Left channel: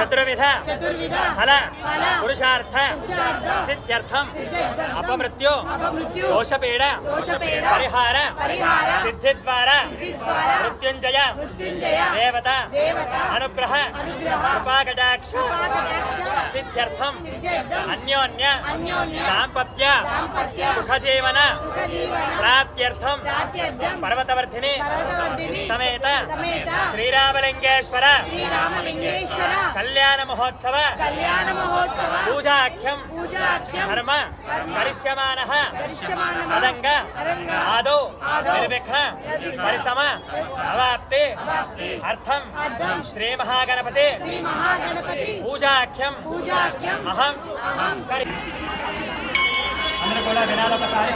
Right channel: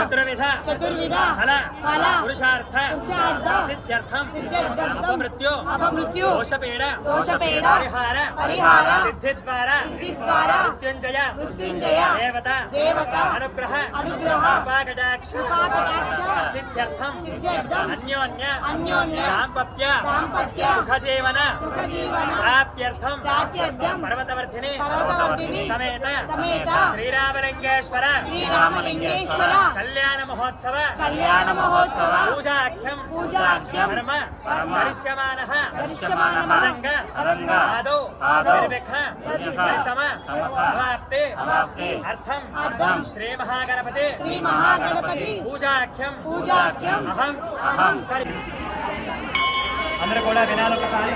చతుర్విధ ఫల పురుషార్థ సిద్ధ్యర్థం అపమృత్యు దోషపీడ పరిహార సిద్ధి ద్వారా మృత్యుంజయ దేవత అనుగ్రహ కృపాకటాక్ష సిద్ధ్యర్థం అన్యోన్య దాంపత్య సుఖజీవన ప్రాప్త్యర్థం పర్వతవర్ధిని సమేత శ్రీరామలింగేశ్వర కళ్యాణ మహోత్సవ పూజాఖ్యం ధర్మ కరిష్యమానః పదంగ ఆదౌ నిర్విఘ్న పరిసమ అవాప్తి అర్థం శ్రీ మహాగణపతి పూజాఖ్యం అహం కరి. అందరూ కూడా వినాలి ఒకసారి.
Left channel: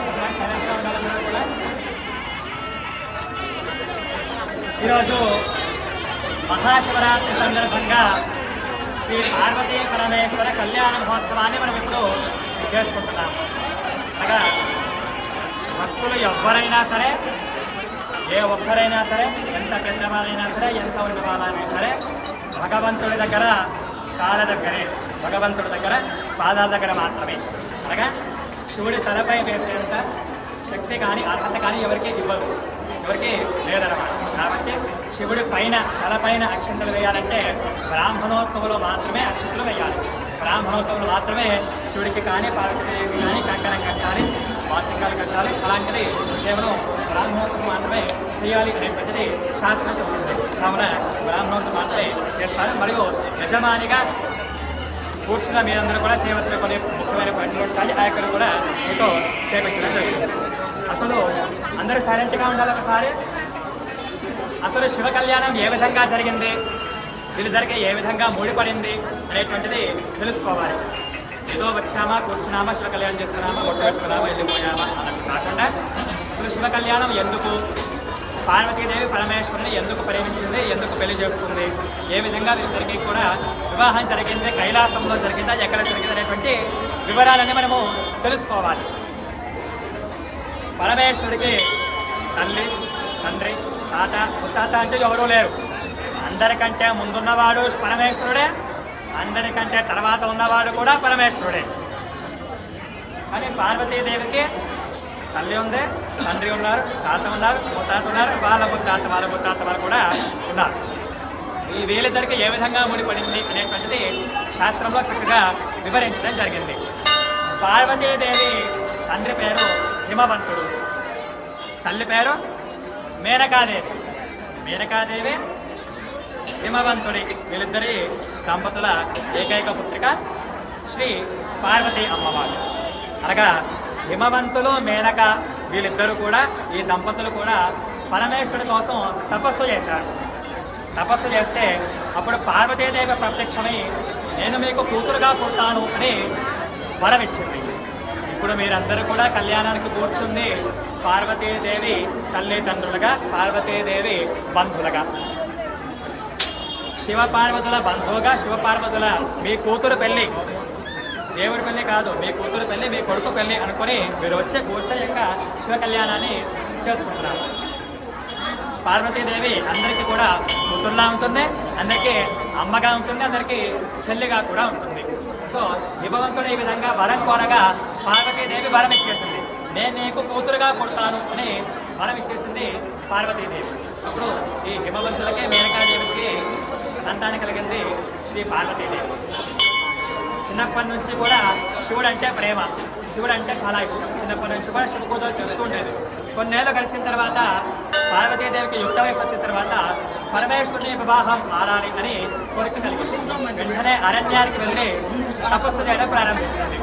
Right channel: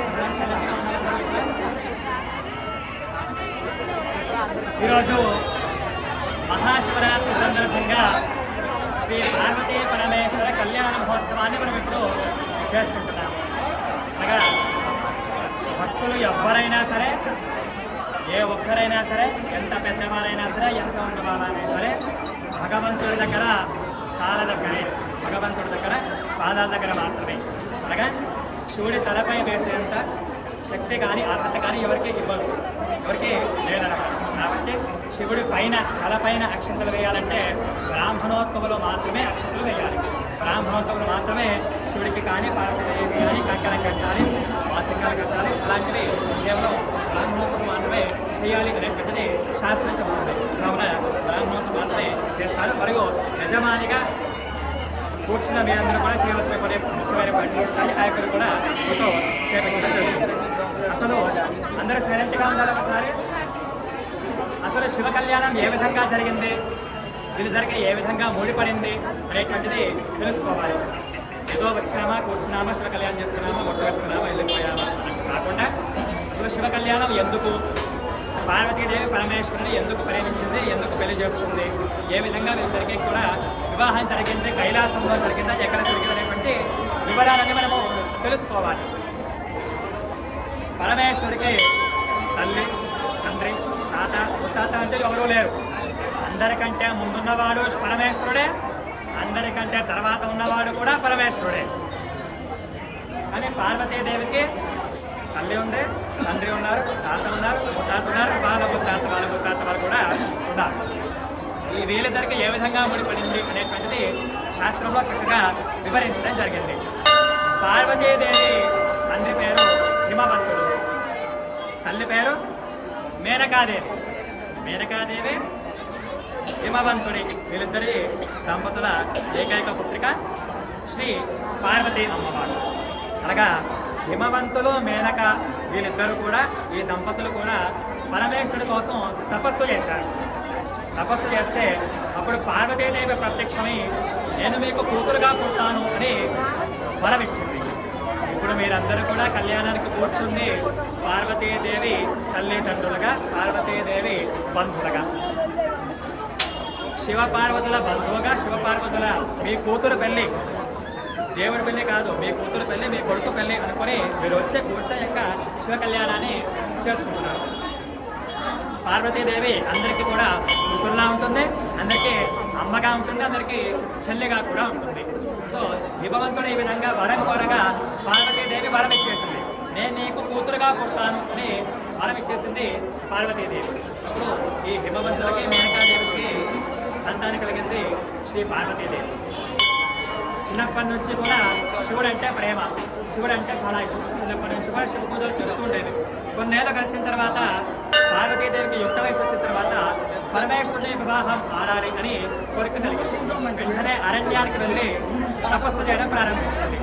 ఈరోజు మహాశివరాత్రి సందర్భంగా శ్రీ పార్వతీ పరమేశ్వర కళ్యాణ మహోత్సవాన్ని మనం ఇప్పుడు చేసుకుంటున్నాం. అనగా భక్తులు ఎవ్వరైనా సరే, ఏ ఒక్కరైనా సరే, ఎంత పెద్దవారైనా సరే, ఎంత ఉన్నవారైనా సరే, భగవంతుడి దగ్గర కాళ్ళ దగ్గరే, భగవంతుడి దగ్గర పాదాల దగ్గర మాత్రమే. అనగా శివుడి తలపై వేసేంత శక్తి కానీ అర్హత కానీ ఎవరికి ఇవ్వరు, ఎవరికి లేదన్నమాట. కాబట్టి శివుడి పైన తలపైన అక్షంతలు వేయాలంటే బ్రాహ్మణోత్సవంలో మాత్రమే అక్షంతలు వేయాలి. బ్రాహ్మణోత్సవంలో మాత్రమే శివుడికి కానీ పార్వతీదేవికి కానీ కంకణం కట్టాలి, వాసింగాలు కట్టాలి. అలాంటివి కేవలం బ్రాహ్మణోత్సవం మాత్రమే చేయాలి అనేటువంటిది శాస్త్రం చెబుతుంది. కావున బ్రాహ్మణోత్సవం మాత్రమే చేస్తారు. మరియు యజమానిగా కూర్చున్న మీరందరూ కూడా చేయవలసిన కొన్ని ముఖ్యమైన పనులు ఉంటాయి. ఆ యొక్క కూడా మీతో చేయించడం. అసలు అందరూ సైలెంట్గా ఉండాలి. ఒకసారి అసలు శివ కళ్యాణం ఏ విధంగా జరిగింది, వీళ్ళిద్దరికి ఏ విధంగా ముడిపడింది అనేటువంటిది తెలుసుకోవాలి. ఏదో వచ్చామా, కూర్చున్నామా, శివ కళ్యాణం చేసుకున్నామా, ఒట్టు పెట్టుకున్నామా, వెళ్ళిపోయామా అన్నట్టు కాకుండా అసలు శివ కళ్యాణం ఎందుకు, పార్వతీదేవి పరమేశ్వరుని ఎందుకు ప్రేమించింది, ఎందుకు పెళ్లి చేసుకుంది, ఏ విధంగా వీళ్ళిద్దరికీ కూడా వివాహం జరిగింది, కైలాసంలో జరిగిందా, ఎక్కడ జరిగింది అనేటువంటి వివరాలన్నీ మనము తెలుసుకోవాలి. పరమేశ్వరుడికి తల్లి, తండ్రి, తాత, ముత్తాత అంటే ఎవరూ లేరు. అందరికంటే ముందున్నవాడు పరమేశ్వరుడే, అందరికంటే తర్వాత ఉన్నవాడు కూడా పరమేశ్వరుడే. కానీ పార్వతీదేవికి తల్లి ఉంది, తండ్రి ఉన్నారు, తాత ఉన్నారు, ముత్తాత ఉన్నారు, వాళ్ళ ముత్తాత వాళ్ళు కూడా ఉన్నారు. ఈ వీళ్ళిద్దరికి ఏ విధంగా ముడిపడింది అనేటువంటిది శాస్త్రంలో చక్కగా వివరించడం జరిగింది. పార్వతీదేవి తండ్రి పేరు హిమవంతుడు, తల్లి పేరు మేనకాదేవి. మేనకాదేవి హిమవంతుడి వీళ్ళిద్దరి దంపతుల ఏకైక పుత్రిక శ్రీ పార్వతీ అమ్మవారు. అనగా హిమవంతులు, మేనక వీళ్ళిద్దరూ కూడా, ఈ దంపతులు కూడా పరమేశ్వరుడి కోసం తపస్సు చేశారు. తపస్సు చేస్తే అప్పుడు పార్వతీదేవి ప్రత్యక్షమై నేను మీకు కూతురుగా పుడతాను అని వరమిచ్చింది. ఇప్పుడు మీరందరూ కూడా కళ్యాణానికి కూర్చుంది పార్వతీదేవి తల్లిదండ్రులుగా, పార్వతీదేవి బంధువులుగా. శివపార్వతుల బంధువుగా, శివపార్వతుల మీ కూతురు పెళ్ళి, దేవుడి పెళ్ళి కాదు, మీ కూతురు పెళ్ళి, మీ కొడుకు పెళ్ళి అనుకుని మీరు వచ్చే కూర్చొని యొక్క శివ కళ్యాణాన్ని చేసుకుంటున్నారు. పార్వతీదేవి అందరికీ కూడా కూతురులా ఉంటుంది, అందరికీ అమ్మగా ఉంటుంది, అందరికీ చెల్లిగా కూడా ఉంటుంది. సో హిమవంతుడు ఈ విధంగా వరం కోరగా పార్వతీదేవి వరం ఇచ్చేసింది. నేను నీకు కూతురుగా పుడతాను అని వరం ఇచ్చేసింది పార్వతీదేవి. అప్పుడు ఈ హిమవంతులకి, మేనకాదేవికి సంతానం కలిగింది శ్రీ పార్వతీదేవి. చిన్నప్పటి నుంచి కూడా శివుడు అంటే ప్రేమ, శివుడు అంటే చాలా ఇష్టం. చిన్నప్పటి నుంచి కూడా శివ పూజలు చేస్తుండేది. కొన్నేళ్ళు గడిచిన తర్వాత పార్వతీదేవికి యుక్త వయసు వచ్చిన తర్వాత పరమేశ్వరుని వివాహం ఆడాలి అని కోరిక కలిగింది. వెంటనే అరణ్యానికి వెళ్ళి తపస్సు చేయడం ప్రారంభించింది.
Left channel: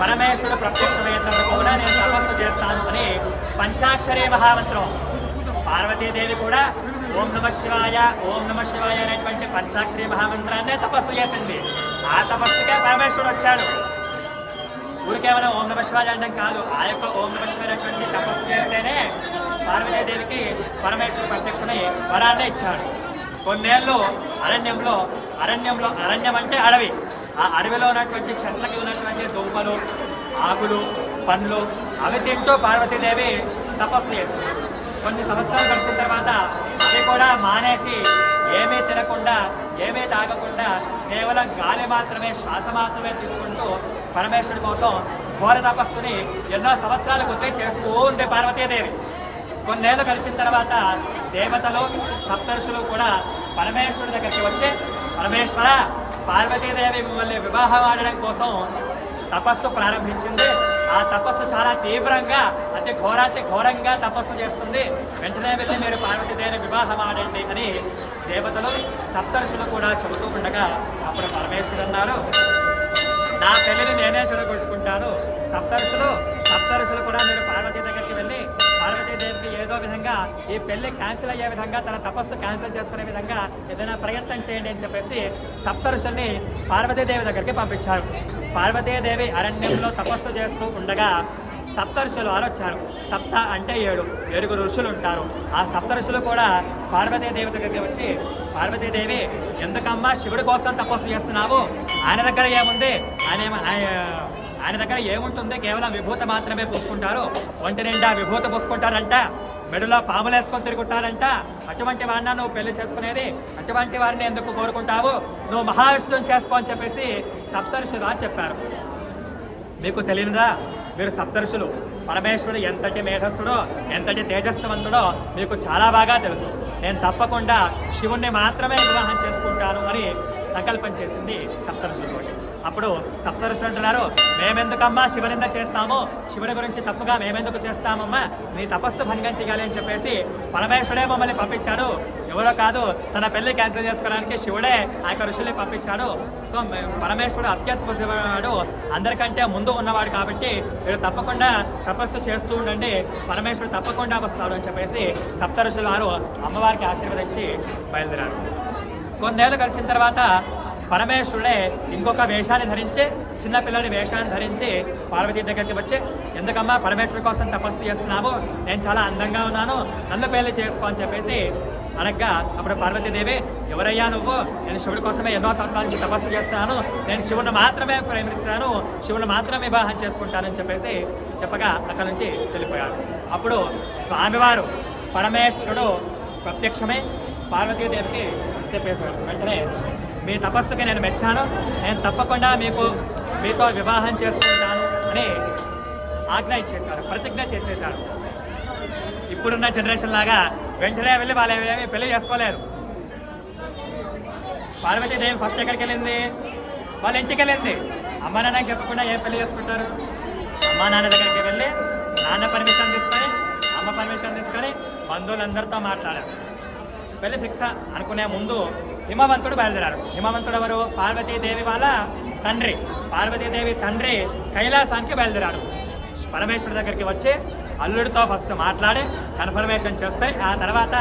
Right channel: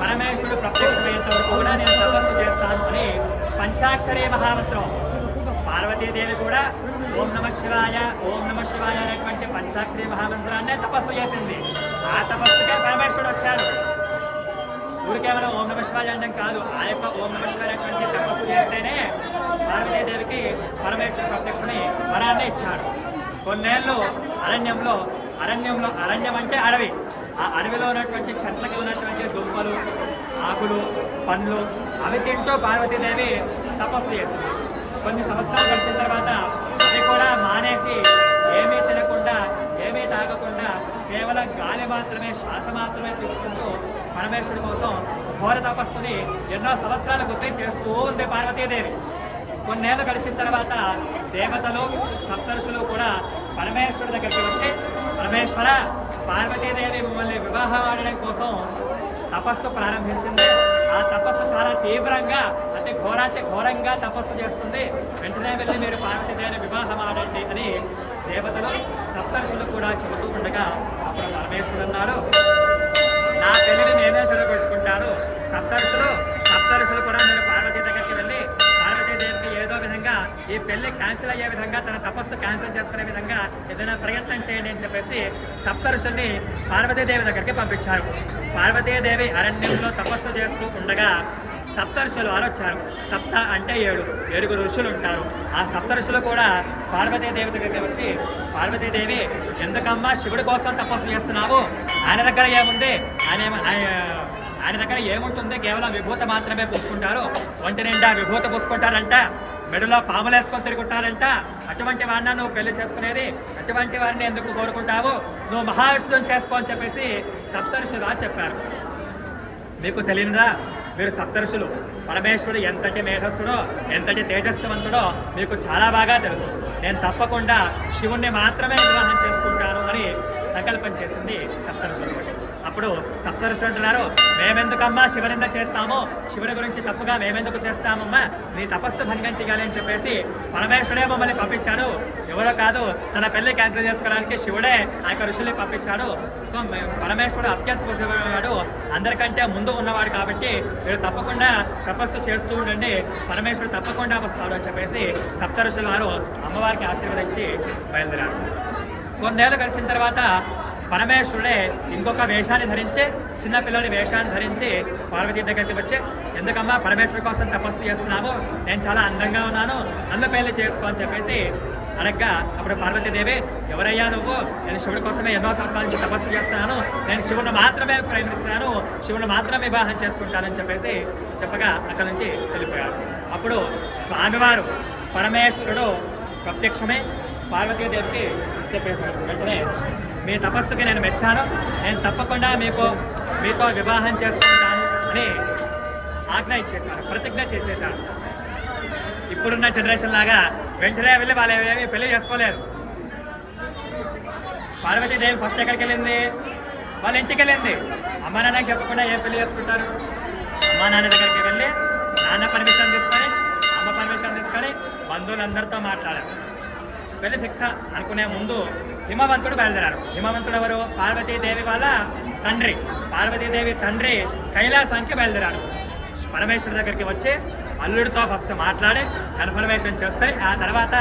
పరమేశ్వరుడు ప్రత్యక్షమయ్యేంత వరకు కూడా నేను తపస్సు చేస్తాను అని పంచాక్షరీ మహామంత్రం, పార్వతీదేవి కూడా ఓం నమ శివాయ, ఓం నమ శివాయ అనేటువంటి పంచాక్షరీ మహామంత్రాన్నే తపస్సు చేసింది. ఆ తపస్సుకే పరమేశ్వరుడు వచ్చాడు. ఊరు కేవలం ఓం నమ శివాయ అనడం కాదు, ఆ యొక్క ఓం నమ శివాయ అనేటువంటి తపస్సు చేస్తేనే పార్వతీదేవికి పరమేశ్వరుడు ప్రత్యక్షమై వరాన్నే ఇచ్చాడు. కొన్నేళ్ళు అరణ్యం అంటే అడవి, ఆ అడవిలో ఉన్నటువంటి చెట్లకి ఉన్నటువంటి దుంపలు, ఆకులు, పండ్లు అవి తింటూ పార్వతీదేవి తపస్సు చేసింది. కొన్ని సంవత్సరాలు గడిచిన తర్వాత అవి కూడా మానేసి ఏమీ తినకుండా ఏమీ తాగకుండా కేవలం గాలి మాత్రమే, శ్వాస మాత్రమే తీసుకుంటూ పరమేశ్వరుడి కోసం ఘోర తపస్సుని ఎన్నో సంవత్సరాల గుర్తే చేస్తూ ఉంది పార్వతీదేవి. కొన్నేళ్ళు గడిచిన తర్వాత దేవతలు, సప్తఋషులు కూడా పరమేశ్వరుడి దగ్గరికి వచ్చి, పరమేశ్వర, పార్వతీదేవి మిమ్మల్ని వివాహం ఆడడం కోసం తపస్సు ప్రారంభించింది. ఆ తపస్సు చాలా తీవ్రంగా, అతి ఘోరంగా తపస్సు చేస్తుంది. వెంటనే వెళ్ళి మీరు పార్వతీదేవి వివాహం ఆడండి అని దేవతలు, సప్తఋషులు కూడా చెబుతూ ఉండగా అప్పుడు పరమేశ్వరుడు అన్నాడు, నా పెళ్ళిని నేనే చెడగొట్టుకుంటాను. సప్తఋషులు కూడా మీరు పార్వతీ దగ్గరికి వెళ్ళి పార్వతీదేవికి ఏదో విధంగా ఈ పెళ్లి క్యాన్సిల్ అయ్యే విధంగా, తన తపస్సు క్యాన్సిల్ చేసుకునే విధంగా ఏదైనా ప్రయత్నం చేయండి అని చెప్పేసి సప్తఋషుల్ని పార్వతీదేవి దగ్గరికి పంపించారు. పార్వతీదేవి అరణ్యంలో తపస్సు చేస్తూ ఉండగా సప్తఋషులు ఆలోచారు. సప్త అంటే 7 ఋషులు ఉంటారు. ఆ సప్తఋషులు కూడా పార్వతీదేవి దగ్గరికి వచ్చి, పార్వతీదేవి, ఎందుకమ్మా శివుడి కోసం తపస్సు చేస్తున్నావు? ఆయన దగ్గర ఏముంది? ఆయన దగ్గర ఏముంటుంది? కేవలం విభూత మాత్రమే పూసుకుంటారు. ఒంటి నిండా విభూత పూసుకుంటారంట, మెడలో పాములు వేసుకొని తిరుగుంటారంట. అటువంటి వాడిన నువ్వు పెళ్లి చేసుకునేది? అటువంటి వారిని ఎందుకు కోరుకుంటావు? నువ్వు మహావిష్ణువుని చేసుకో అని చెప్పేసి సప్తఋషులు చెప్పారు. మీకు తెలియనురా, మీరు సప్తఋషులు, పరమేశ్వరుడు ఎంతటి మేధస్సుడో, ఎంతటి తేజస్వంతుడో మీకు చాలా బాగా తెలుసు. నేను తప్పకుండా శివుణ్ణి మాత్రమే వివాహం చేసుకుంటాను అని సంకల్పం చేసింది సప్తఋషులు. అప్పుడు సప్తఋషులు అంటున్నారు, మేమెందుకమ్మా శివనింద చేస్తాము? శివుడి గురించి తప్పుగా మేమెందుకు చేస్తామమ్మా? నీ తపస్సు భంగం చేయాలి అని చెప్పేసి పరమేశ్వరుడే మమ్మల్ని పంపించాడు. ఎవరో కాదు, తన పెళ్లి క్యాన్సిల్ చేసుకోవడానికి శివుడే ఆ యొక్క ఋషుల్ని పంపించాడు. సో పరమేశ్వరుడు అత్యద్భుతమైనవాడు, అందరికంటే ముందు ఉన్నవాడు. కాబట్టి మీరు తప్పకుండా తపస్సు చేస్తూ ఉండండి, పరమేశ్వరుడు తప్పకుండా వస్తాడు అని చెప్పేసి సప్తఋషులు వారు అమ్మవారికి ఆశీర్వదించి బయలుదేరారు. కొన్నేళ్ళు గడిచిన తర్వాత పరమేశ్వరుడే ఇంకొక వేషాన్ని ధరించి, చిన్నపిల్లడి వేషాన్ని ధరించి పార్వతీ దగ్గరికి వచ్చి, ఎందుకమ్మా పరమేశ్వరుడి కోసం తపస్సు చేస్తున్నావు? నేను చాలా అందంగా ఉన్నాను, నన్ను పెళ్లి చేసుకో అని చెప్పేసి అనగా అప్పుడు పార్వతీదేవి, ఎవరయ్యా నువ్వు? నేను శివుడి కోసమే ఎన్నో సంవత్సరాల నుంచి తపస్సు చేస్తున్నాను, నేను శివుని మాత్రమే ప్రేమిస్తున్నాను, శివుని మాత్రమే వివాహం చేసుకుంటానని చెప్పేసి చెప్పగా అక్కడి నుంచి వెళ్ళిపోయాడు. అప్పుడు స్వామివారు పరమేశ్వరుడు ప్రత్యక్షమే పార్వతీదేవికి చెప్పేశాడు. వెంటనే, మీ తపస్సుకి నేను మెచ్చాను, నేను తప్పకుండా మీతో వివాహం చేసుకుంటాను అని ఆజ్ఞ ఇచ్చేశారు, ప్రతిజ్ఞ చేసేశారు. ఇప్పుడున్న జనరేషన్ లాగా వెంటనే వెళ్ళి వాళ్ళు ఏమి పెళ్లి చేసుకోలేరు. పార్వతీదేవి ఫస్ట్ ఎక్కడికి వెళ్ళింది? వాళ్ళ ఇంటికి వెళ్ళింది. అమ్మ నాన్నకి చెప్పకుండా ఏం పెళ్లి చేసుకుంటారు? అమ్మ నాన్న దగ్గరికి వెళ్ళి నాన్న పర్మిషన్ తీసుకొని, అమ్మ పర్మిషన్ తీసుకొని బంధువులందరితో మాట్లాడారు. పెళ్లి ఫిక్స్ అనుకునే ముందు హిమవంతుడు బయలుదేరారు. హిమవంతుడు ఎవరు? పార్వతీదేవి వాళ్ళ తండ్రి. పార్వతీదేవి తండ్రి కైలాసానికి బయలుదేరాడు. పరమేశ్వరుడి దగ్గరికి వచ్చి అల్లుడితో ఫస్ట్ మాట్లాడి కన్ఫర్మేషన్ చేస్తే ఆ తర్వాత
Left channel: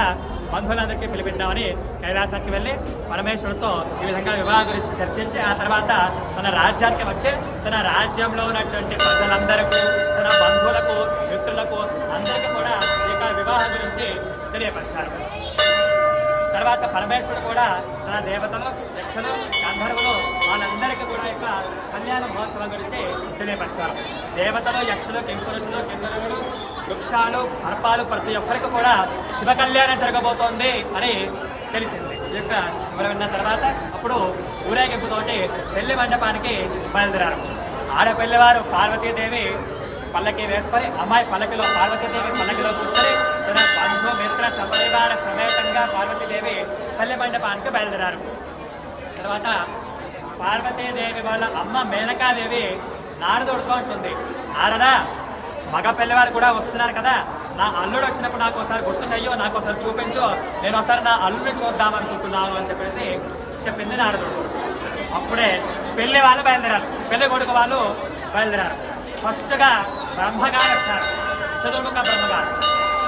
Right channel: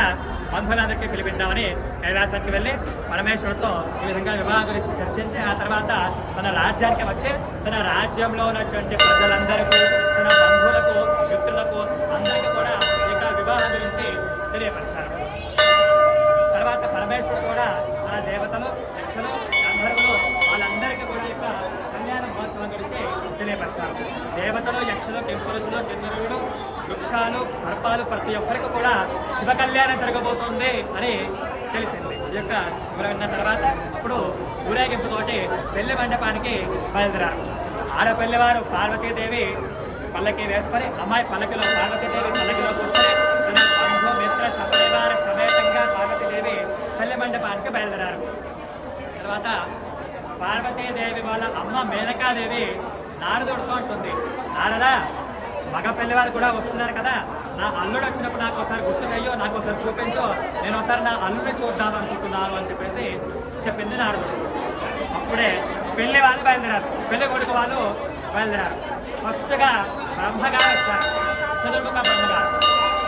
బంధువులందరికీ పిలిపిద్దామని కైలాసానికి వెళ్ళి పరమేశ్వరుడితో ఈ విధంగా వివాహం గురించి చర్చించి ఆ తర్వాత తన రాజ్యానికి వచ్చి తన రాజ్యంలో ఉన్నటువంటి ప్రజలందరికీ, తన బంధువులకు, మిత్రులకు అందరికీ కూడా ఈ వివాహం గురించి తెలియపరిచారు. తర్వాత పరమేశ్వరుడు కూడా మన దేవతలు, యక్షులు, గంధర్వులు వాళ్ళందరికీ కూడా యొక్క కళ్యాణ మహోత్సవం గురించి తెలియపరిచారు. దేవతలు, యక్షులు, కింపురుషులు, కిన్నరులు, వృక్షాలు, సర్పాలు ప్రతి ఒక్కరికి కూడా శివ కళ్యాణం జరగబోతోంది అని తెలిసింది. ఈ యొక్క వివరణ తర్వాత అప్పుడు ఊరేగింపుతోటి పెళ్లి మండపానికి బయలుదేరారు. ఆడపిల్లవారు పార్వతీదేవి పల్లకి వేసుకొని, అమ్మాయి పల్లకిలో, పార్వతీదేవి పల్లకిలో కూర్చొని తన బంధు మిత్ర సపరివార సమేతంగా పార్వతీదేవి పెళ్లి మండపానికి బయలుదేరారు. తర్వాత పార్వతీదేవి వాళ్ళ అమ్మ మేనకాదేవి నారదుడితో ఉంటుంది, నారదా, మగ పెళ్లివారు కూడా వస్తున్నారు కదా, నా అల్లుడు వచ్చినప్పుడు నాకు ఒకసారి గుర్తు చెయ్యో, నాకు ఒకసారి చూపించో, నేను ఒకసారి నా అల్లుడిని చూద్దామనుకుంటున్నాను అని చెప్పేసి చెప్పింది నారదుడు. అప్పుడే పెళ్లి వాళ్ళు బయలుదేరారు, పెళ్లి కొడుకు వాళ్ళు బయలుదేరారు. ఫస్ట్గా బ్రహ్మగారు వచ్చారు, చతుర్ముఖ బ్రహ్మగారు.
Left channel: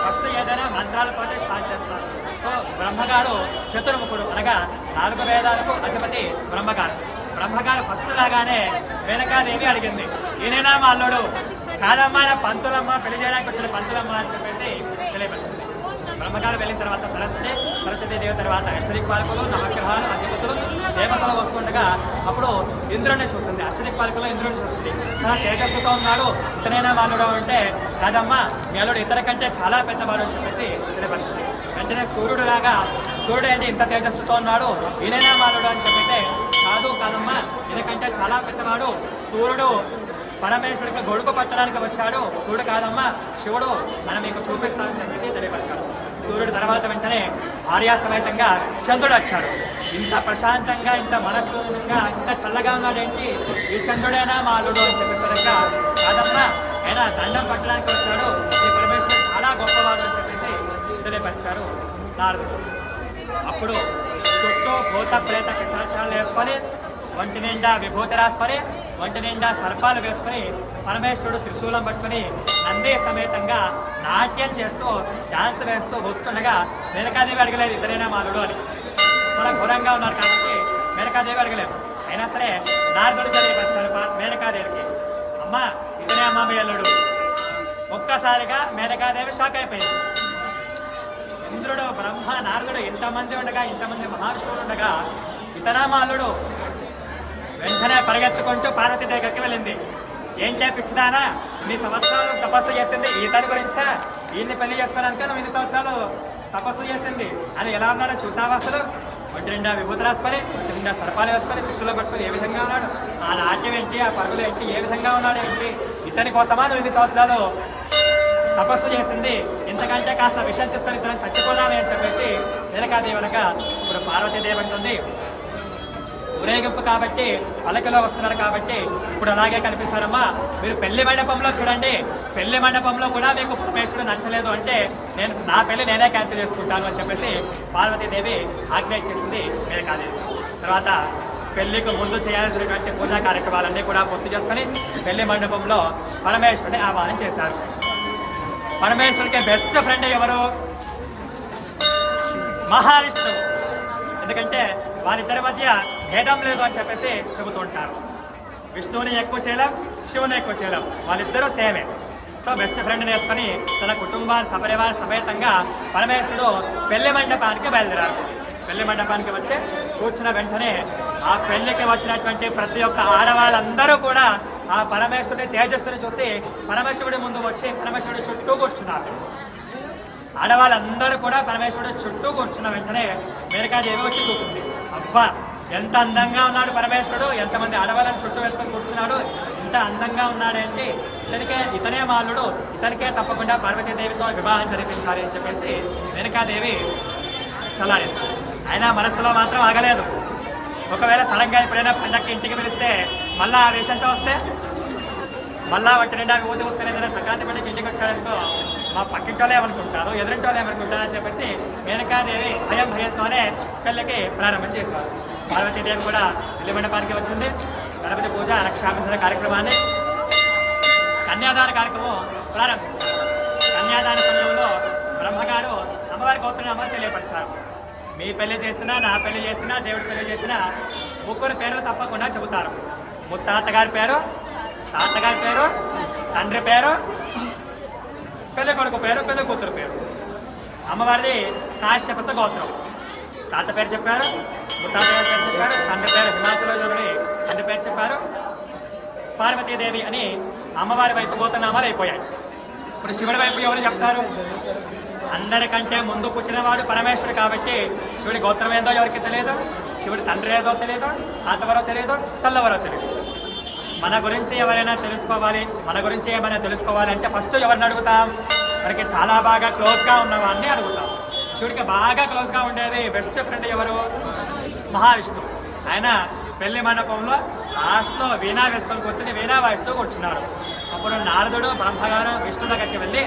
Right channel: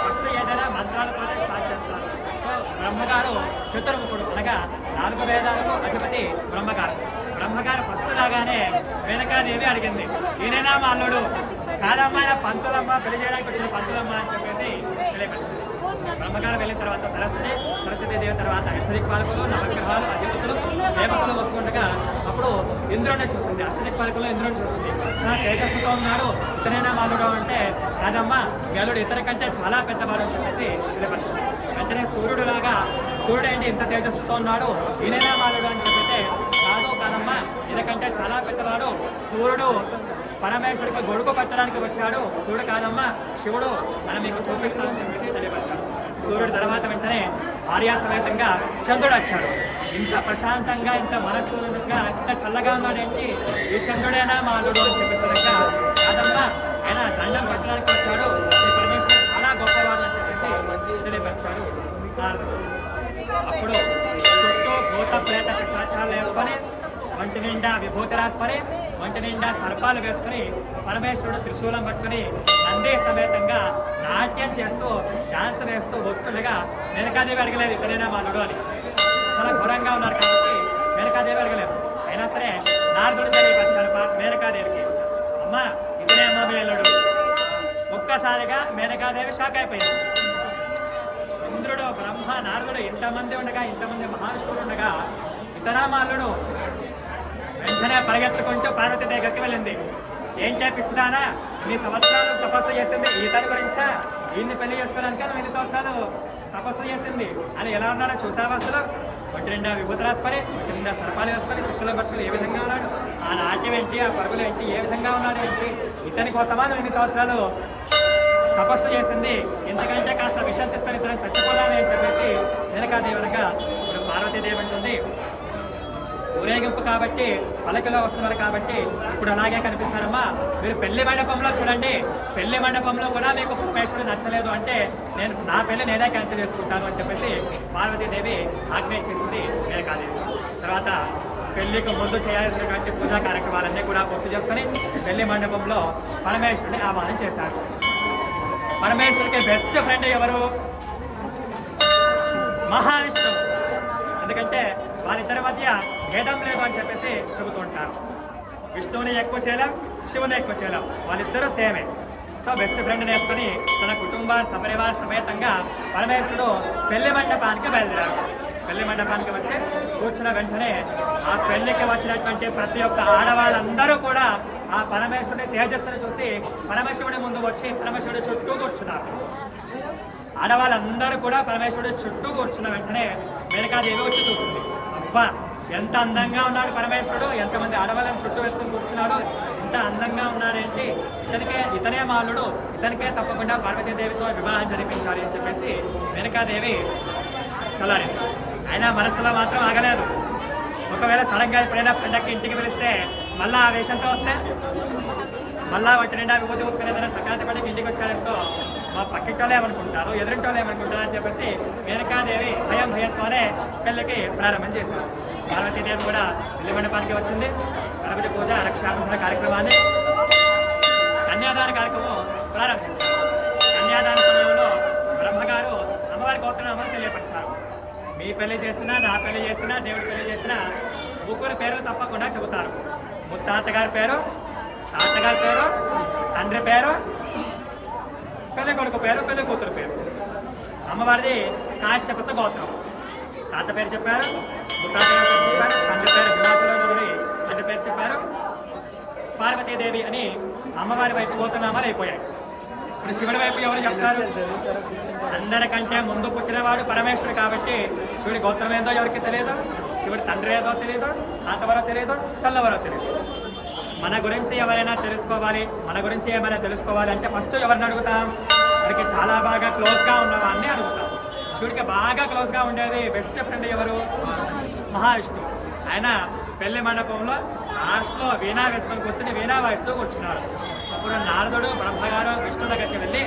ఫస్ట్ ఏదైనా మంత్రాలతోనే స్టార్ట్ చేస్తారు. సో బ్రహ్మగారు చతుర్ముఖుడు, అనగా 4 వేదాలకు అధిపతి బ్రహ్మగారు. బ్రహ్మగారు ఫస్ట్ రాగానే వెనకాదేవి అడిగింది, ఈయనైనా మా అల్లుడు? కాదమ్మా, పంతులమ్మ, పెళ్లి చేయడానికి వచ్చిన పంతులమ్మ అని చెప్పేసి తెలియపరిచింది. బ్రహ్మగారు వెళ్ళిన తర్వాత సరస్వతీదేవి తర్వాత అష్టదిక్పాలకులు, నవగ్రహాలు, అధిపతులు, దేవతలు వస్తుండగా అప్పుడు ఇంద్రుడిని చూసింది. అష్టదిక్పాలకులు ఇంద్రుడిని చూసింది. చాలా తేజస్సుతో ఉన్నాడు, ఇతనైనా వాళ్ళుగా ఉంటే కాదమ్మా, అల్లుడు ఇతర కంటే చాలా పెద్దవాడు అని చెప్పేసి తెలియపరిచింది. వెంటనే సూర్యుడు రాగా సూర్యుడు ఏంటి ఇంత తేజస్సుతో ఉన్నాడు, ఈయనైనా మాలుడు అని చెప్తే కాదు కాదమ్మా, ఎందుకంటే చాలా పెద్దవాడు సూర్యుడు పరమేశ్వరుడికి గొడుగు పట్టడానికి వచ్చాడు, సూర్యుడు కాదమ్మా శివుడు అని మీకు చూపిస్తానని చెప్పి తెలియపరిచాడు. సూర్యుడు తర్వాత వెంటనే భార్యా సమేతంగా చంద్రుడు వచ్చాడు. ఇంత ప్రశాంతంగా, ఇంత మనస్సుగా, ఇంత చల్లగా ఉన్నాడేంటి, ఈ చంద్రుడైనా మాలుడు అని చెప్పేస్తాడంట. కాదమ్మా ఆయన దండం పట్టడానికి వచ్చాడు, ఈ పరమేశ్వరుడు చాలా గొప్పవాడు అని చెప్పేసి తెలియపరిచారు నారదుడు. అప్పుడు చుట్టూ భూత ప్రేత పిశాచాలు వేసుకొని, ఒంటి నిండా విభూతి రాసుకొని, ఒంటి నిండా సర్పాలు వేసుకొని, పరమేశ్వరుడు త్రిశూలం పట్టుకొని నందే సమేతంగా నాట్యం చేస్తూ డాన్స్ వేస్తూ వస్తుండగా మేనకాదేవి అడగలేదు ఇతరైనా మాలుడు అని. చాలా ఘోరంగా ఉన్నారు కాబట్టి మేనకాదేవి అడగలేదు. అయినా సరే నారదుడు తెలియపరిచాడు మేనకాదేవికి, అమ్మ ఇతనే అమ్మ మీ అల్లుడు. ఒక్కసారిగా మేనకాదేవి షాక్ అయిపోయింది. ఇంద్రుడు, బ్రహ్మ, నారదుడు ఇంతమంది ఉండగా, ఇంతమంది మహావిష్ణువులు ఉండగా ఇతనా మా అల్లుడు? వెంటనే పరిగెత్తుకుంటూ పార్వతి దగ్గరికి వెళ్ళింది. ఏంటే పిచ్చిదానా, ఇన్ని సంవత్సరాలు తపస్సు చేసింది ఈతని గురించా? ఈయన్ని పెళ్లి చేసుకోవడానికి నువ్వు ఇన్ని సంవత్సరాలు తపస్సు చేసింది అని ఎలా ఉన్నాడో చూసావా? అసలు ఒంటి నిండా విభూతి రాసుకొని, ఒంటి నిండా సర్పాలు వేసుకొని, కృష్ణులో పట్టుకొని ఏ విధంగా ఉన్నాడు? ఆ నాట్యం ఏంటి, ఆ పరుగులు ఏంటి, ఏ విధంగా ఉన్నాడు ఏంటి? ఇతని కోసమా నువ్వు ఇన్ని సంవత్సరాలు తపస్సు చేసింది? ఇంతకంటే కాస్త విషయం తీసుకొని ఇతను చచ్చిపోదామని అని చెప్పేసి మేనకాదేవి వెనక ఇప్పుడు పార్వతీదేవి అంటుంది, ఊరేగింపు కాబట్టి పలకలో వస్తున్నారు కాబట్టి ఇప్పుడు అలాగే కనిపిస్తారమ్మా. మీరు పెళ్లి మండపంలో చూడండి, పెళ్లి మండపంలో కూడా మీకు పరమేశ్వరుడు నచ్చలేదు అంటే నా పెళ్లి నేనే క్యాన్సిల్ చేసుకుంటాను అని చెప్పేసి పార్వతీదేవి ఆజ్ఞ చేసింది మేనకాదేవి. తర్వాత పెళ్లికి ముందు చేయాల్సినటువంటి పూజా కార్యక్రమాలన్నీ కూడా పూర్తి చేసుకొని పెళ్లి మండపంలో పరమేశ్వరుని ఆహ్వానం చేశారు. పరమేశ్వరుడికి బెస్ట్ ఫ్రెండ్ ఎవరు? మహావిష్ణువు. ఎందుకంటే వారిద్దరి మధ్య భేదం లేదు అని చెప్పేసి చెబుతూ ఉంటారు. విష్ణువుని ఎక్కువ చేయలేం, శివుని ఎక్కువ చేయలేం, వాళ్ళిద్దరూ సేమే. సో బెస్ట్ ఫ్రెండ్ వేసుకొని తన కుటుంబాన్ని సపరివార సమేతంగా పరమేశ్వరుడు పెళ్లి మండపానికి బయలుదేరారు. పెళ్లి మండపానికి వచ్చి కూర్చున్న వెంటనే ఆ పెళ్లికి వచ్చినటువంటి ప్రతి ఒక్క ఆడవాళ్ళందరూ కూడా ఆ పరమేశ్వరుడి తేజస్సును చూసి పరమేశ్వరుడి ముందు వచ్చి పరమేశ్వరుడి చుట్టూ కూర్చున్నారు. ఆడవాళ్ళందరూ కూడా పరమేశ్వరుడు చుట్టూ కూర్చున్న వెంటనే మేనకాదేవి వచ్చి చూసింది. అబ్బా ఎంత అందంగా ఉన్నాడు పరమేశ్వరుడు, ఎంతమంది ఆడవాళ్ళని చుట్టూ వేసుకొని కూర్చున్నాడు, ఇంత అందంగా ఉన్నాడంటే ఇతనే మాలుడు, ఇతనికే తప్పకుండా పార్వతీదేవితో వివాహం జరిపించాలి అని చెప్పేసి మేనకాదేవి చలాలి. అయినా మనసులో మాత్రం ఆగలేదు. ఒకవేళ సడన్గా ఎప్పుడైనా పండక్కి ఇంటికి పిలిస్తే మళ్ళీ ఆ వేషంతో వస్తే, మళ్ళా వాటి నిండా ఊది వస్తే ఏదైనా సంక్రాంతి పడి ఇంటికి వచ్చారనుకో మా పక్కింటోళ్ళు ఏమనుకుంటారు, ఎదురింటోళ్ళు ఏమనుకుంటారు అని చెప్పేసి మేనకాదేవి భయంతోనే పెళ్ళికి ప్రారంభం చేశారు. పార్వతీదేవి కూడా పెళ్లి మండపానికి వచ్చింది. గణపతి పూజ, రక్షాబంధన కార్యక్రమాన్ని, కన్యాదాన కార్యక్రమం ప్రారంభించారు. కన్యాదాన సమయంలో బ్రహ్మగారు అమ్మవారి గోత్రనామాన్ని తెలియపరిచారు. మీ పెళ్లి చేసినా, నా పెళ్లి చేసినా, దేవుడి పెళ్లి చేసినా ముగ్గురు పేర్లు తప్పకుండా చెబుతారు. ముత్తాతగారి పేరు, తాతగారి పేరు, తండ్రి పేరు, పెళ్లి కొడుకు పేరు, పెళ్లి కూతురు పేరు. అమ్మవారిది కాశ్యపస గోత్రం. తాత పేరు చెప్పారు, ముత్తాత పేరు చెప్పారు, తండ్రి పేరు హిమాచలజుడి తండ్రి పేరు చెప్పారు. పార్వతీదేవి అని అమ్మవారి వైపు గోత్రనామాలు అయిపోయాయి. ఇప్పుడు శివుడి వైపు ఎవరు చెప్తారు? అందరికంటే ముందు పుట్టినవాడు పరమేశ్వరుడు కాబట్టి శివుడి గోత్రం ఏదో ఎవరికి తెలియదు, శివుడి తండ్రి ఏదో తెలియదు, తాతవరో తెలియదు, తల్లవరో తెలియదు. మన గురించి ఎవరైనా తెలుసుకోవాలి, మన గురించి ఏమైనా తెలుసుకోవాలి అంటే ఫస్ట్ ఎవరిని అడుగుతాం? మనకి చాలా బాగా క్లోజ్గా ఉన్న వాడిని అడుగుతాం. శివుడికి బాగా క్లోజ్గా ఉండేది బెస్ట్ ఫ్రెండ్ ఎవరు? మహావిష్ణువు. ఆయన పెళ్లి మండపంలో లాస్ట్లో వీణా వేసుకొని కూర్చుని వీణా వాయిస్తూ కూర్చున్నాడు. అప్పుడు నారదుడు బ్రహ్మగారు విష్ణువు దగ్గరికి వెళ్ళి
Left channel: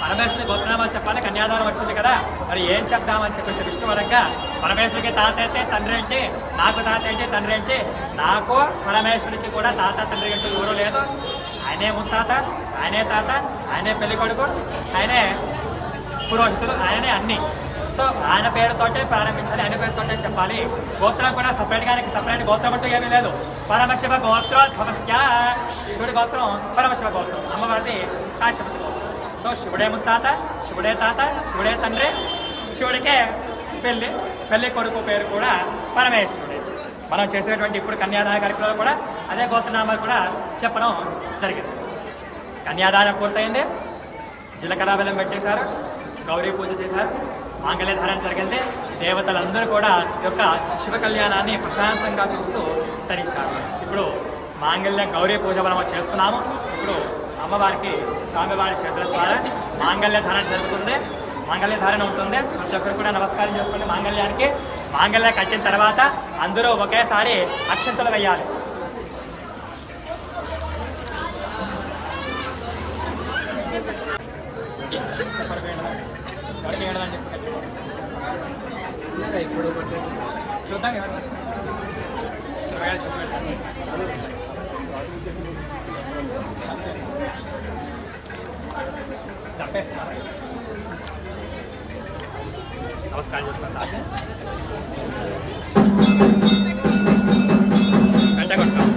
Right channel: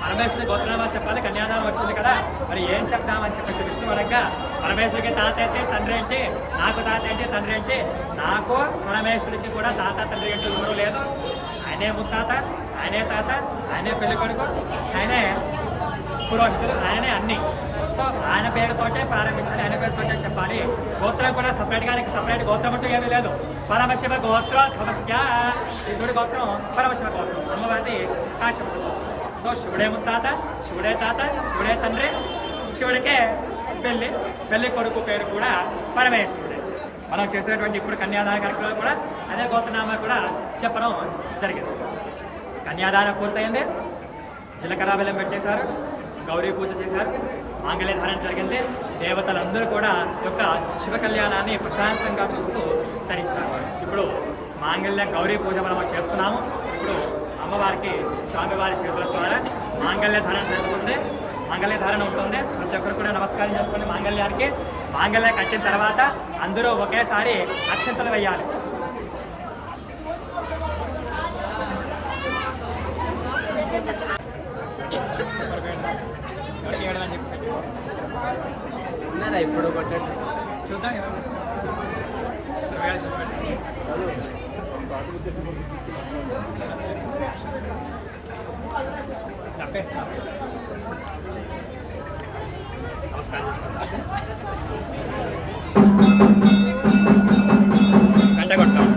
పరమేశ్వరుడి గోత్రనామాలు చెప్పాలి, కన్యాదానం వచ్చింది కదా, మరి ఏం చెప్దామని చెప్పేసి విష్ణు అడగగా పరమేశ్వరికి తాత అయితే తండ్రి ఏంటి, నాకు తాత ఏంటి తండ్రి ఏంటి, నాకు పరమేశ్వరికి కూడా తాత తండ్రి ఏంటి ఎవరు లేదు, ఆయనే ముత్తాత, ఆయనే తాత, ఆయనే పెళ్లి కొడుకు, ఆయనే పురోహితుడు, ఆయననే అన్ని. సో ఆయన పేరుతోటే ప్రారంభించాలి, ఆయన పేరుతోటే చెప్పాలి. గోత్రం కూడా సపరేట్ గోత్రం అంటూ ఏమీ లేదు. పరమశివ గోత్రం సమస్య, శివుడి గోత్రం పరమశివ గోత్రం, అమ్మవారిది కాశ్యప గోత్రం. సో శివుడే ముత్తాత, శివుడే తాత, శివుడే తండ్రి, శివుడికే పెళ్లి కొడుకు పేరు కూడా పరమేశ్వరుడే. మనం చేసినటువంటి ఇప్పుడు కన్యాదాన కార్యక్రమాలు కూడా అదే గోత్రనామాలు కూడా చెప్పడం జరిగింది. కన్యాదానం పూర్తయింది, జీలకర్ర బెల్లం పెట్టేశారు, గౌరీ పూజ చేశారు, మాంగళ్యధారణ జరిగింది. దేవతలందరూ కూడా యొక్క శివ కళ్యాణాన్ని ప్రశాంతంగా చూస్తూ ధరించారు. ఇప్పుడు మాంగళ్య గౌరీ పూజ మనం చేసుకున్నాము. ఇప్పుడు అమ్మవారికి స్వామివారి చేతుల ద్వారా మాంగళ్యధారణ జరుగుతుంది. మాంగళ్యధారణ ఉంటుంది. ప్రతి ఒక్కరు కూడా నమస్కారం చేసుకోండి. మాంగళ్యానికి మాంగళ్యం కట్టిన తర్వాత అందరూ ఒకేసారి అక్షంతలు వేయాలి. ఇప్పుడు చూద్దాం. తప్పేస్తున్నారు. నమస్కారం చేస్తాను. గంట కొట్టాం.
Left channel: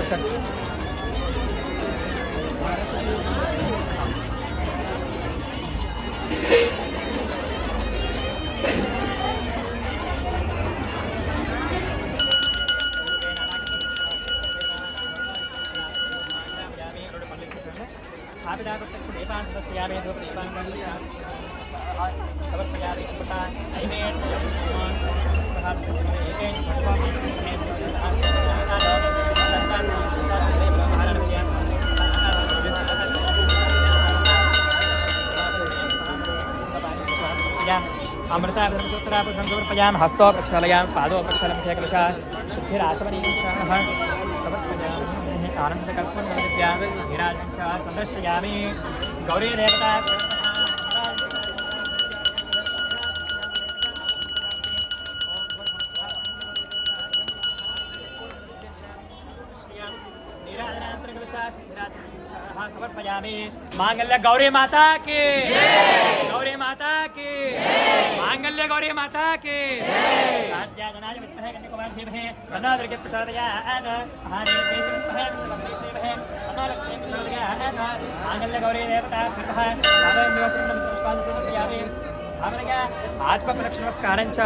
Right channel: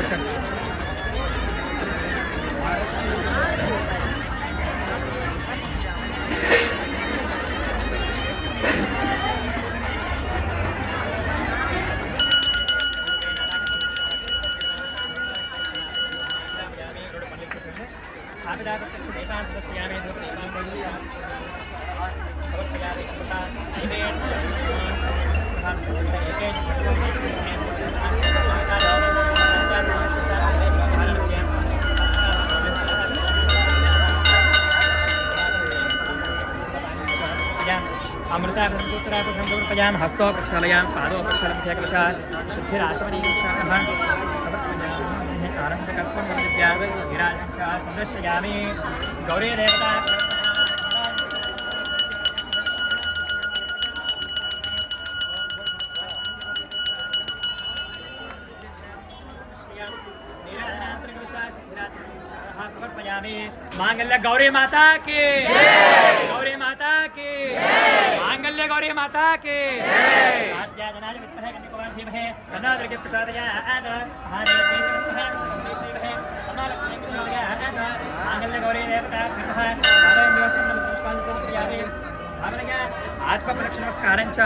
కూర్చోండి. अमृता सूत्रापुषं समर्पयाम हस्तो प्रक्षालयाम पादो प्रक्षालमुखे कलशा शुद्धिराशमनीक्षामः समर्पयामि आनन्दकर्पूरवद्याद् विराजं च सदर्शयामि गौरी देवता समर्पयामि मांगल्य गौरी माता की गौरी माता की मांगल्य गौरी माता की जनाज विद्महे कन्याकुमारी धीमहि तन्नो दुर्गे प्रचोदयात् हारे तेज विद्महे कन्याकुमारी समालक्ष्मी प्रचोदयात् मांगल्य गौरी देवता कृतः साधयन्दिवसं नमस्कारं आत्मप्रदक्षिणमस्कारं च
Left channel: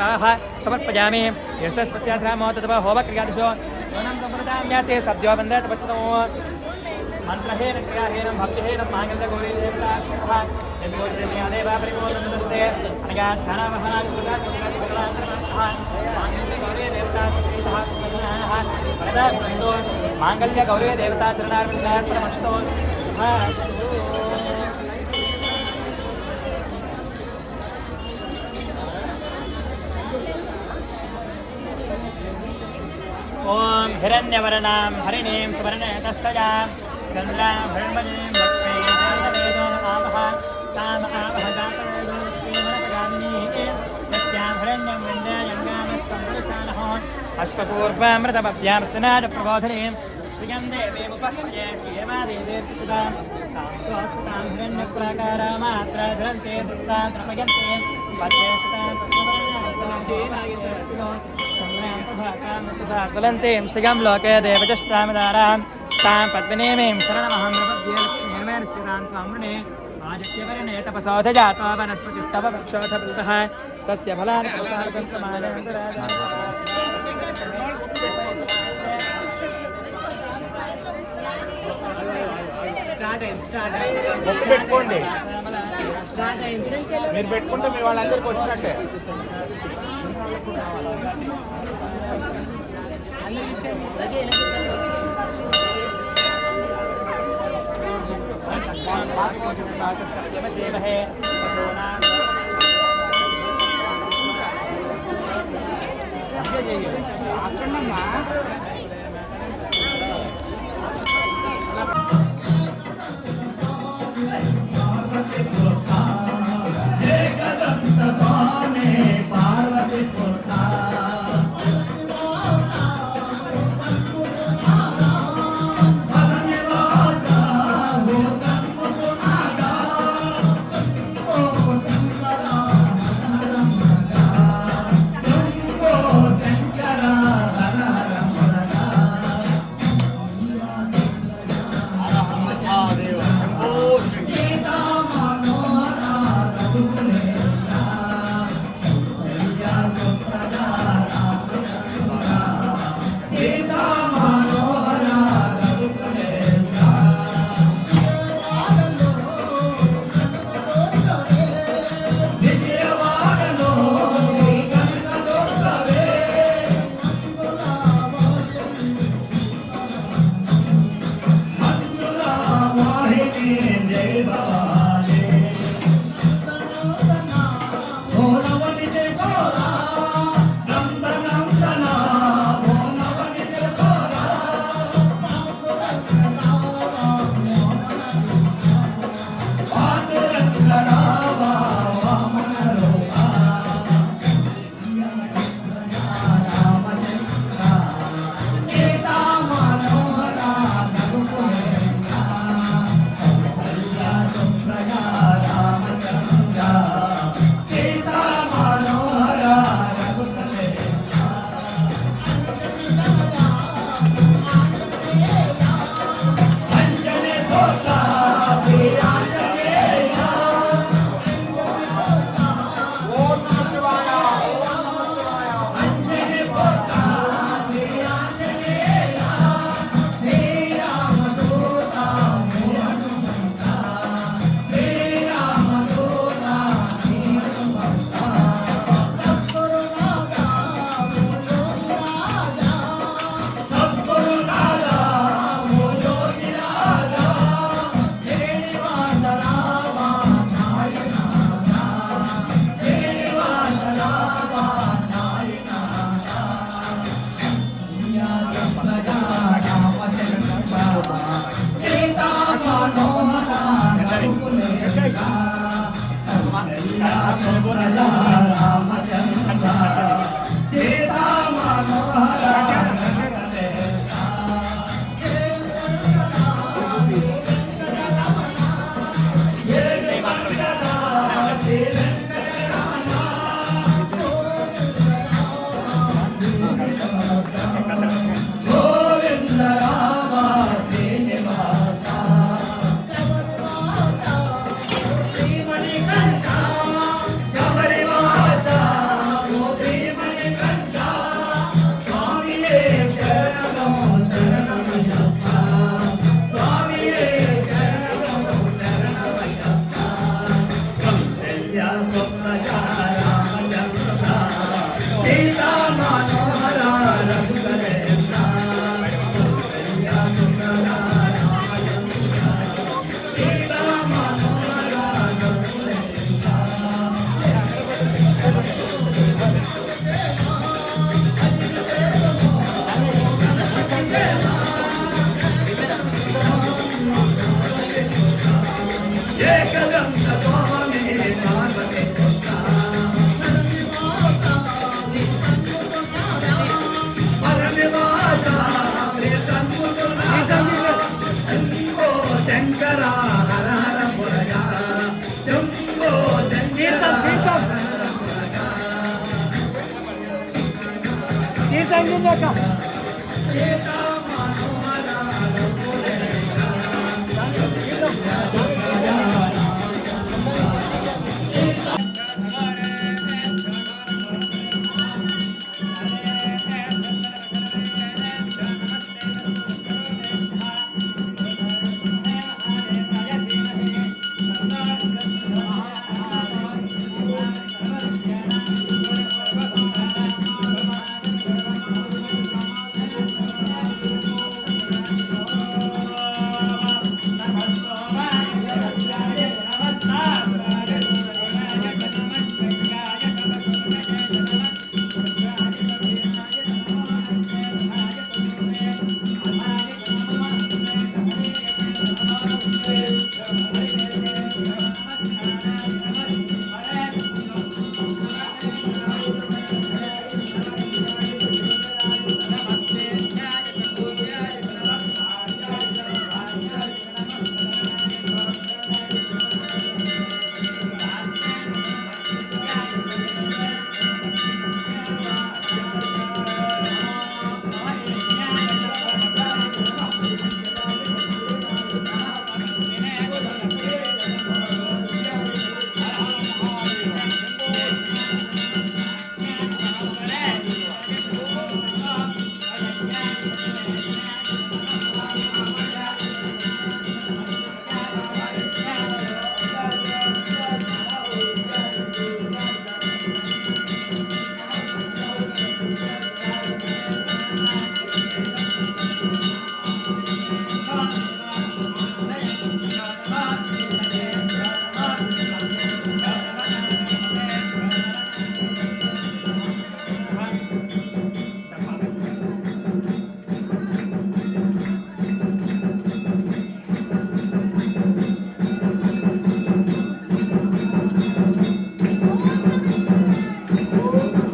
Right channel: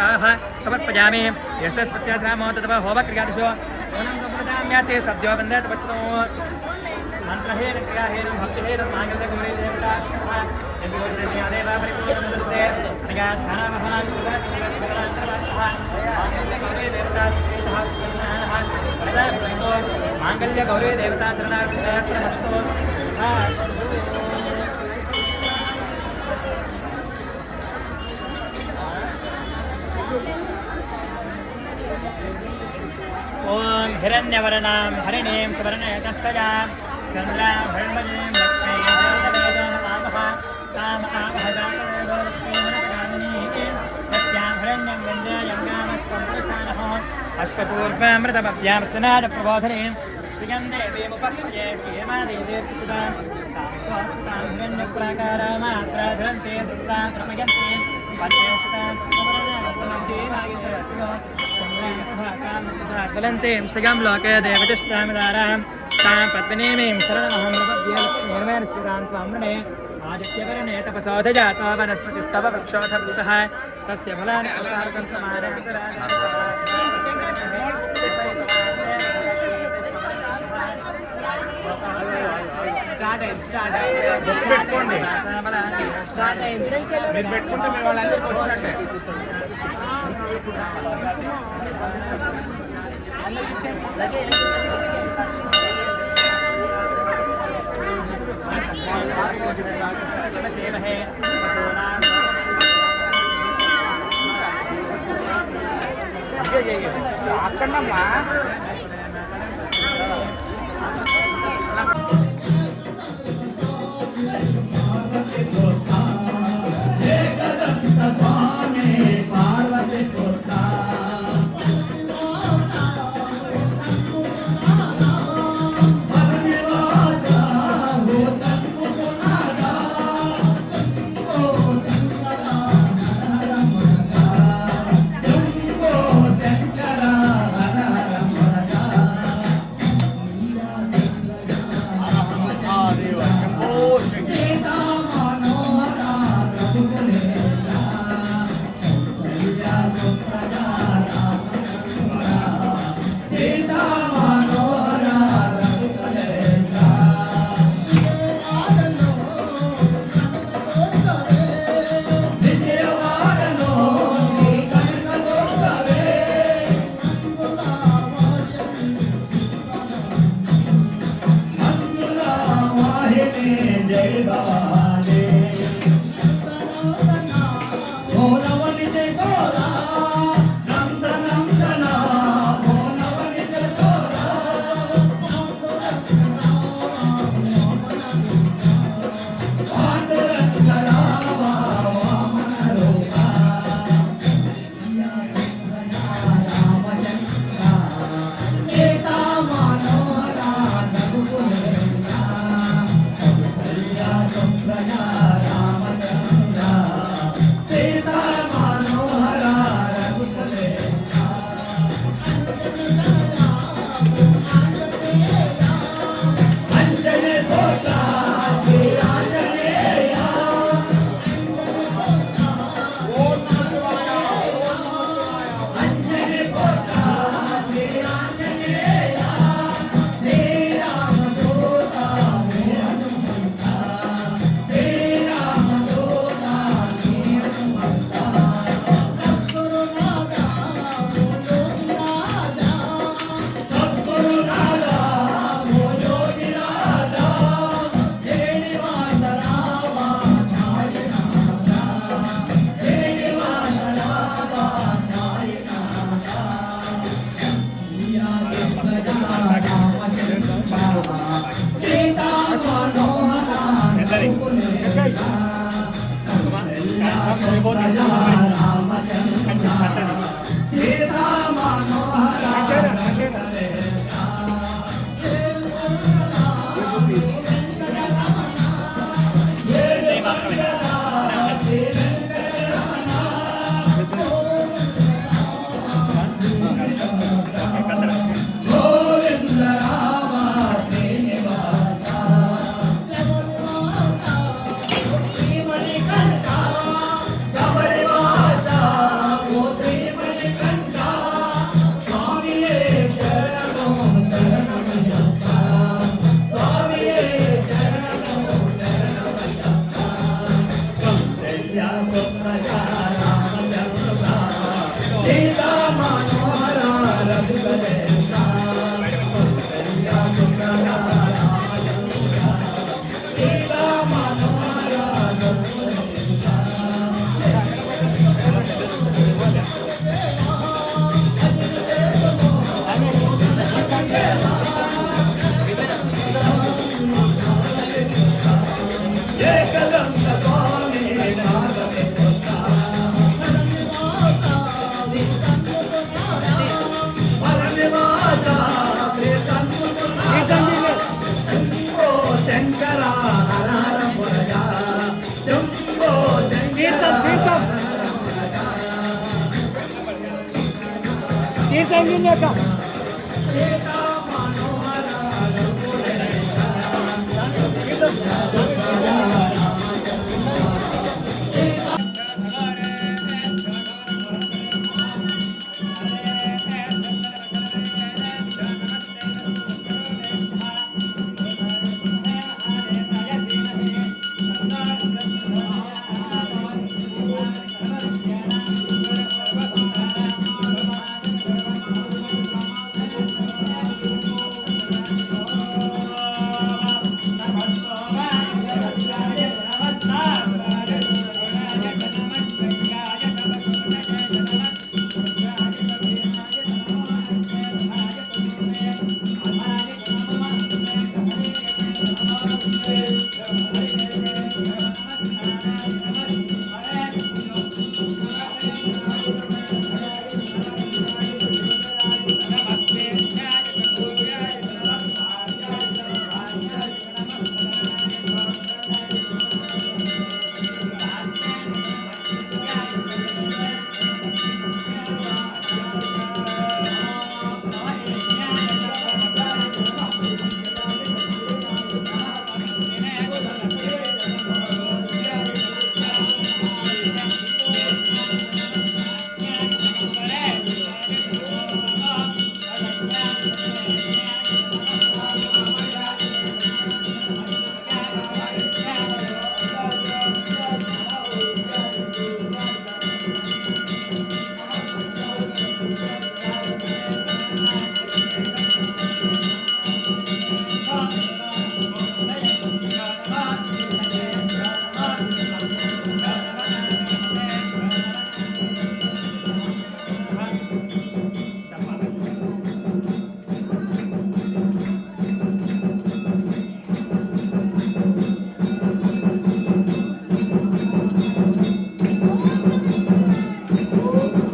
समर्पयामि यशस्पत्याश्रामो तथा होमक्रियादिषु यूनं सम्प्रदां याते सद्यो वन्दते पच्यतो मंत्रहेन क्रियाहेन भक्तिहेन मांगल्य गौरी देवता यद्योजदेव परिपूर्णमस्ते अनया ध्यानवहनादिपुरुषात्मकलान्तरवन्तः मांगल्य गौरी देवता सुकृतः सुगुणाः वरदा भवन्तु मांगल्य गौरी देवता चरणार्पणमस्तु ओम हिरण्यवर्णां हरिणीं सुवर्णयतस्तजां चन्द्रां हरिण्मयीं लक्ष्मीं जानवेदं आमः ताम आवह जातवेदो लक्ष्मीमनपगामिनीं तस्यां हिरण्यं विन्द्ययङ्गामश्वं पुरुषाणः अश्वपूर्वामृतमभ्यां स्नानप्रबोधिनीं श्रियं देवीमुपह्वये श्रीयमादेवीर्तिसुतां तां स्वस्तां हिरण्यकुलाकारामात्रा धरन्ते तृप्तां तृपयन्ते पद्येशतां तस्वरण्यं श्रियं लोके देवतिष्ठामदारां तां पद्मिनीमीं शरणमहं प्रपद्ये लक्ष्मीर्मेण श्रीरां त्वां वृणे आदित्यवर्णे तपसोध जातो वनस्पतिस्तव वृक्षोऽथभूतः तस्य फलानि प्रसादं పెట్టుకోండి మీరు పెట్టుకుంటే మీ వాళ్ళందరికీ వచ్చినట్టే అక్కడమ్మా Yeah.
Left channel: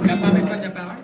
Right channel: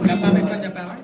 డబ్బా వేసుకొని చెప్పావా